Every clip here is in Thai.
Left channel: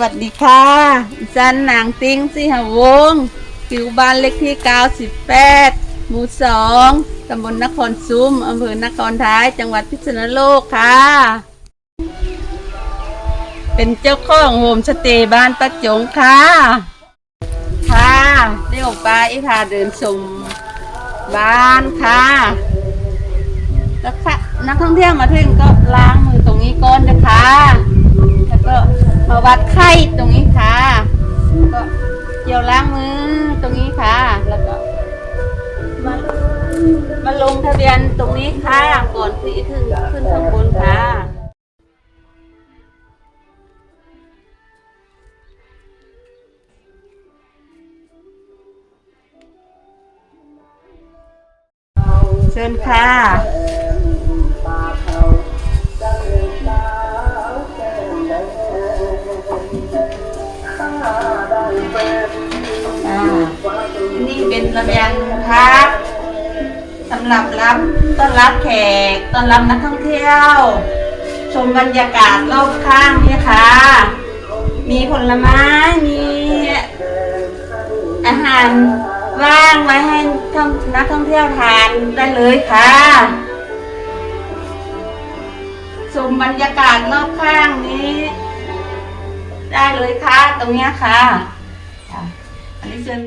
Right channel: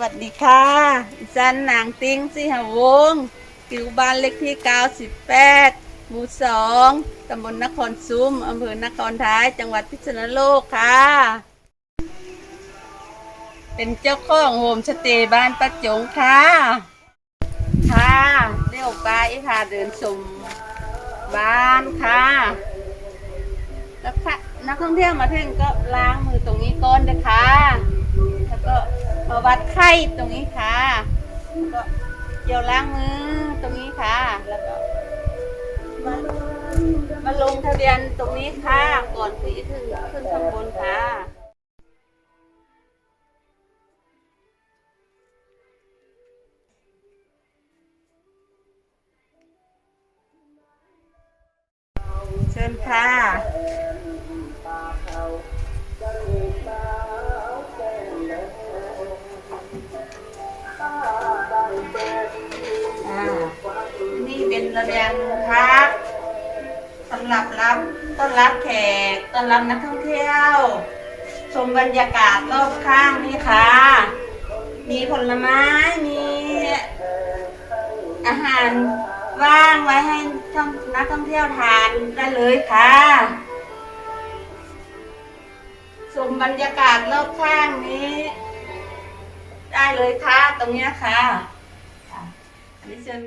วัสดีค่ะอีสันนางติ้งสิหวงศ์อยู่บ้านเลขที่ 98 หมู่ 2 ตำบลนครซุ้ม อำเภอนครท้าย จังหวัดพิษณุโลกค่ะ เป็นเจ้าของโฮมสเตย์บ้านประจงค่ะ ค่ะได้ออกไปพาเดินชมบ้านค่ะ แล้วค่ะนักท่องเที่ยวมาถึงก็ล้างมือตรงนี้ก่อนนะคะ แล้วก็มาวัดไข้ตรงนี้ค่ะก็เกี่ยวล้างมือตรงนี้ค่ะ แล้วก็มามาลงทะเบียนตรงนี้ค่ะก่อนที่ถึงขึ้นข้างบนค่ะเชิญค่ะ เป็นระเบียงพักสำหรับรับต้อนรับแขกต้อนรับนักท่องเที่ยว ชมบรรยากาศรอบข้างนี่ค่ะ มีผลไม้มีอาหารว่างไว้ให้นักท่องเที่ยวทานได้เลยค่ะชมบรรยากาศรอบข้างนี้ ได้เลยค่ะ ตรงนี้ค่ะค่ะอันนี้เป็น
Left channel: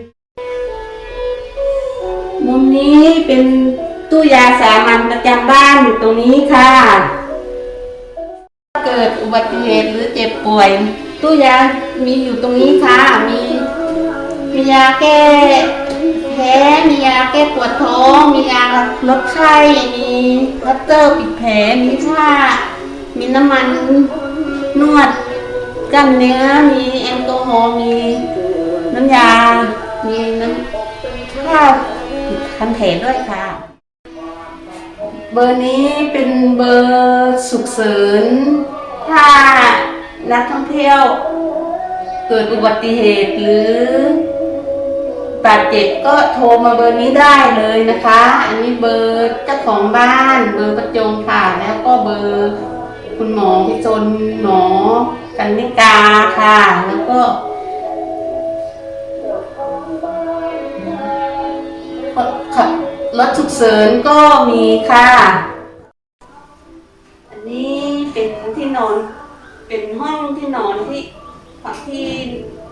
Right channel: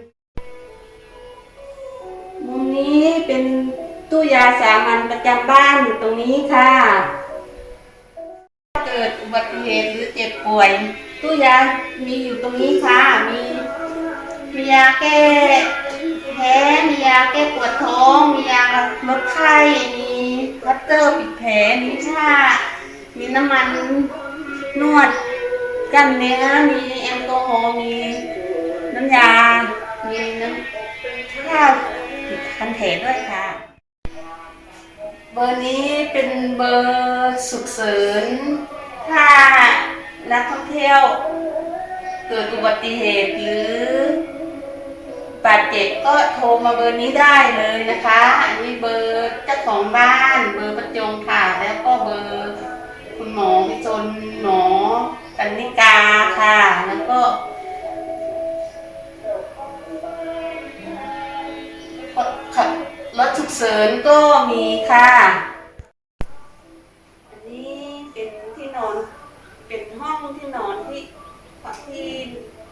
มุมนี้เป็นตู้ยาสามัญประจำบ้านอยู่ตรงนี้ค่ะ เกิดอุบัติเหตุหรือเจ็บป่วย ตู้ยามีอยู่ตรงนี้ค่ะ มีมียาแก้แพ้มียาแก้ปวดท้อง มียาลดไข้ มีวัตเตอร์ปิดแผล มีผ้ามีน้ำมันนวดกันเนื้อ มีแอลกอฮอล์ มีน้ำยา มีน้ำข้าว คันเถด้วยค่ะ เบอร์นี้เป็นเบอร์สุขเสริญถ้านักท่องเที่ยว เกิดอุบัติเหตุหรือบาดเจ็บก็โทรมาเบอร์นี้ได้เลยนะคะ อันนี้เบอร์เจ้าของบ้าน เบอร์ประจงค่ะ แล้วก็เบอร์คุณหมอพิจนหมอกันนิกาค่ะ แล้วก็ รถฉุกเฉินก็มีค่ะ อันนี้เป็นที่นอน เป็นห้องที่นอนที่ที่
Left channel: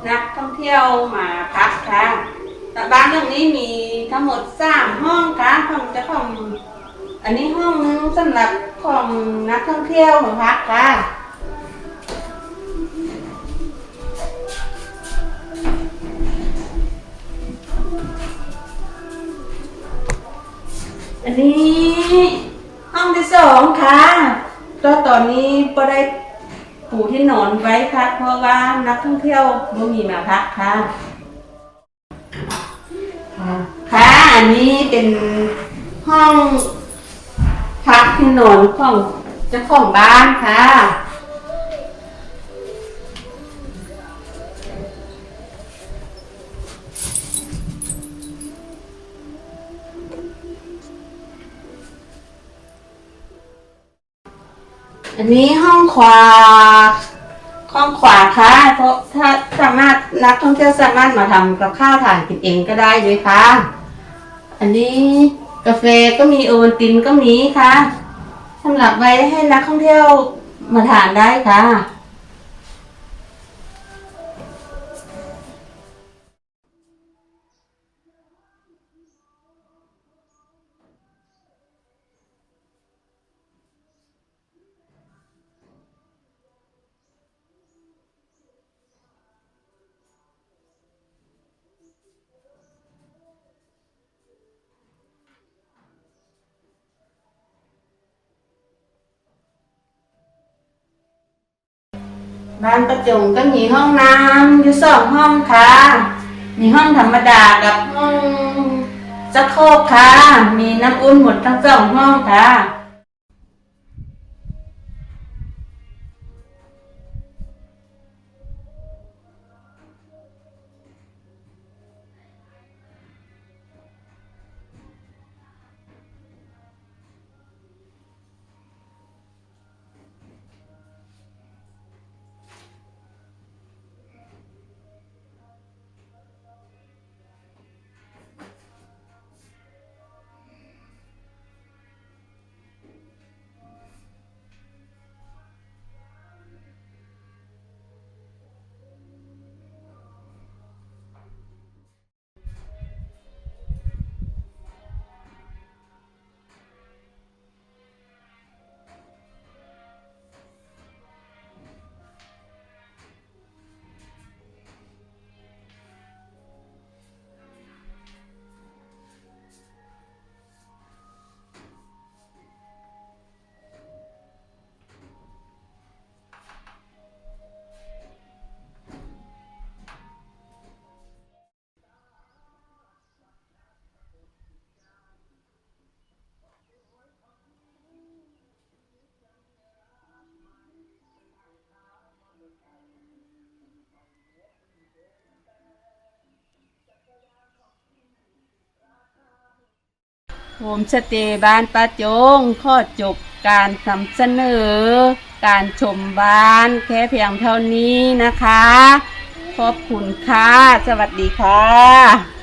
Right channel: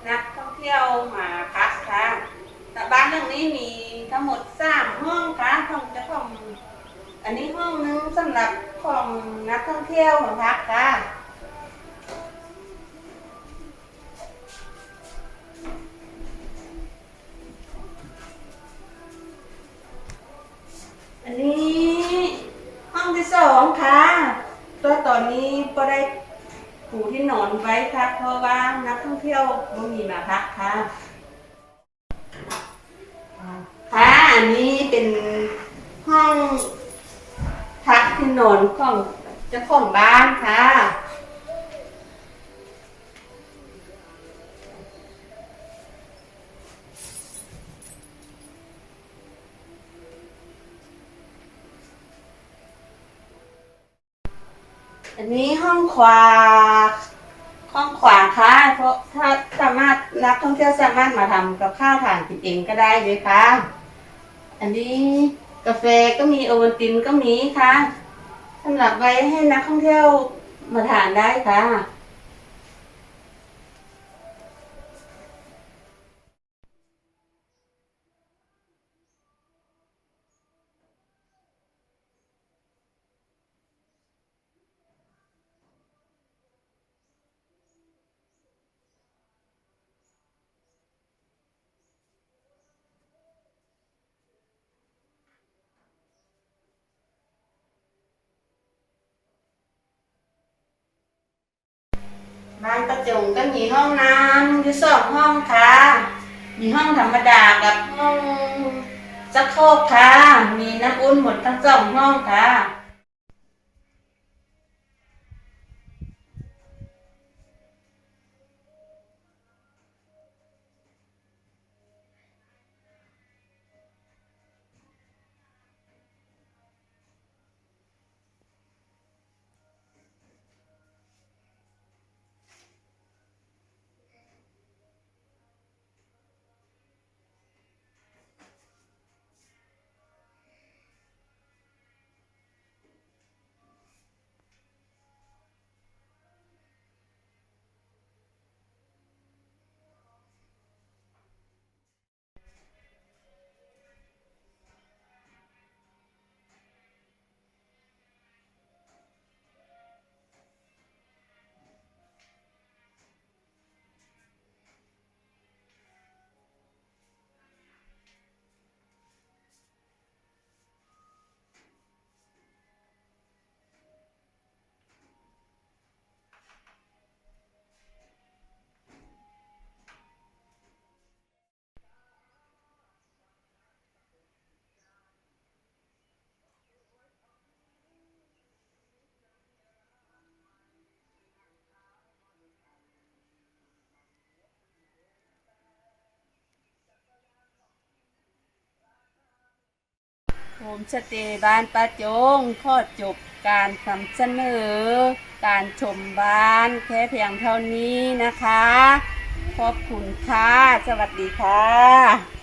นักท่องเที่ยวมาพักค่ะแต่บ้านเรื่องนี้มีทั้งหมดสามห้องค่ะห้องเจะของ อันนี้ห้องนึงสำหรับของนักท่องเที่ยวมาพักค่ะ อันนี้ห้องที่สองค่ะตัวตอนนี้ก็ได้ปูที่นอนไว้ค่ะ เพราะว่านักท่องเที่ยวไม่มีมาพักค่ะ ค่ะอันนี้เป็นห้องพักที่นอนของเจ้าของบ้านค่ะ อันนี้ห้องขวา ห้องขวาค่ะ เพราะถ้าสามารถนักท่องเที่ยวสามารถมาทำกับข้าวทานกินเองก็ได้เลยค่ะ อันนี้กาแฟก็มีโอวัลตินก็มีค่ะสำหรับไว้ให้นักท่องเที่ยวมาทานได้ค่ะ บ้านประจงก็มีห้องน้ำอยู่สองห้องค่ะ มีห้องธรรมดากับห้องสักโคกค่ะ มีน้ำอุ่นหมดทั้งสองห้องค่ะ โฮมสเตย์บ้านป้าจงข้อจบการนำเสนอ การชมบ้านแค่เพียงเท่านี้นะคะ ขอบคุณค่ะ สวัสดีค่ะ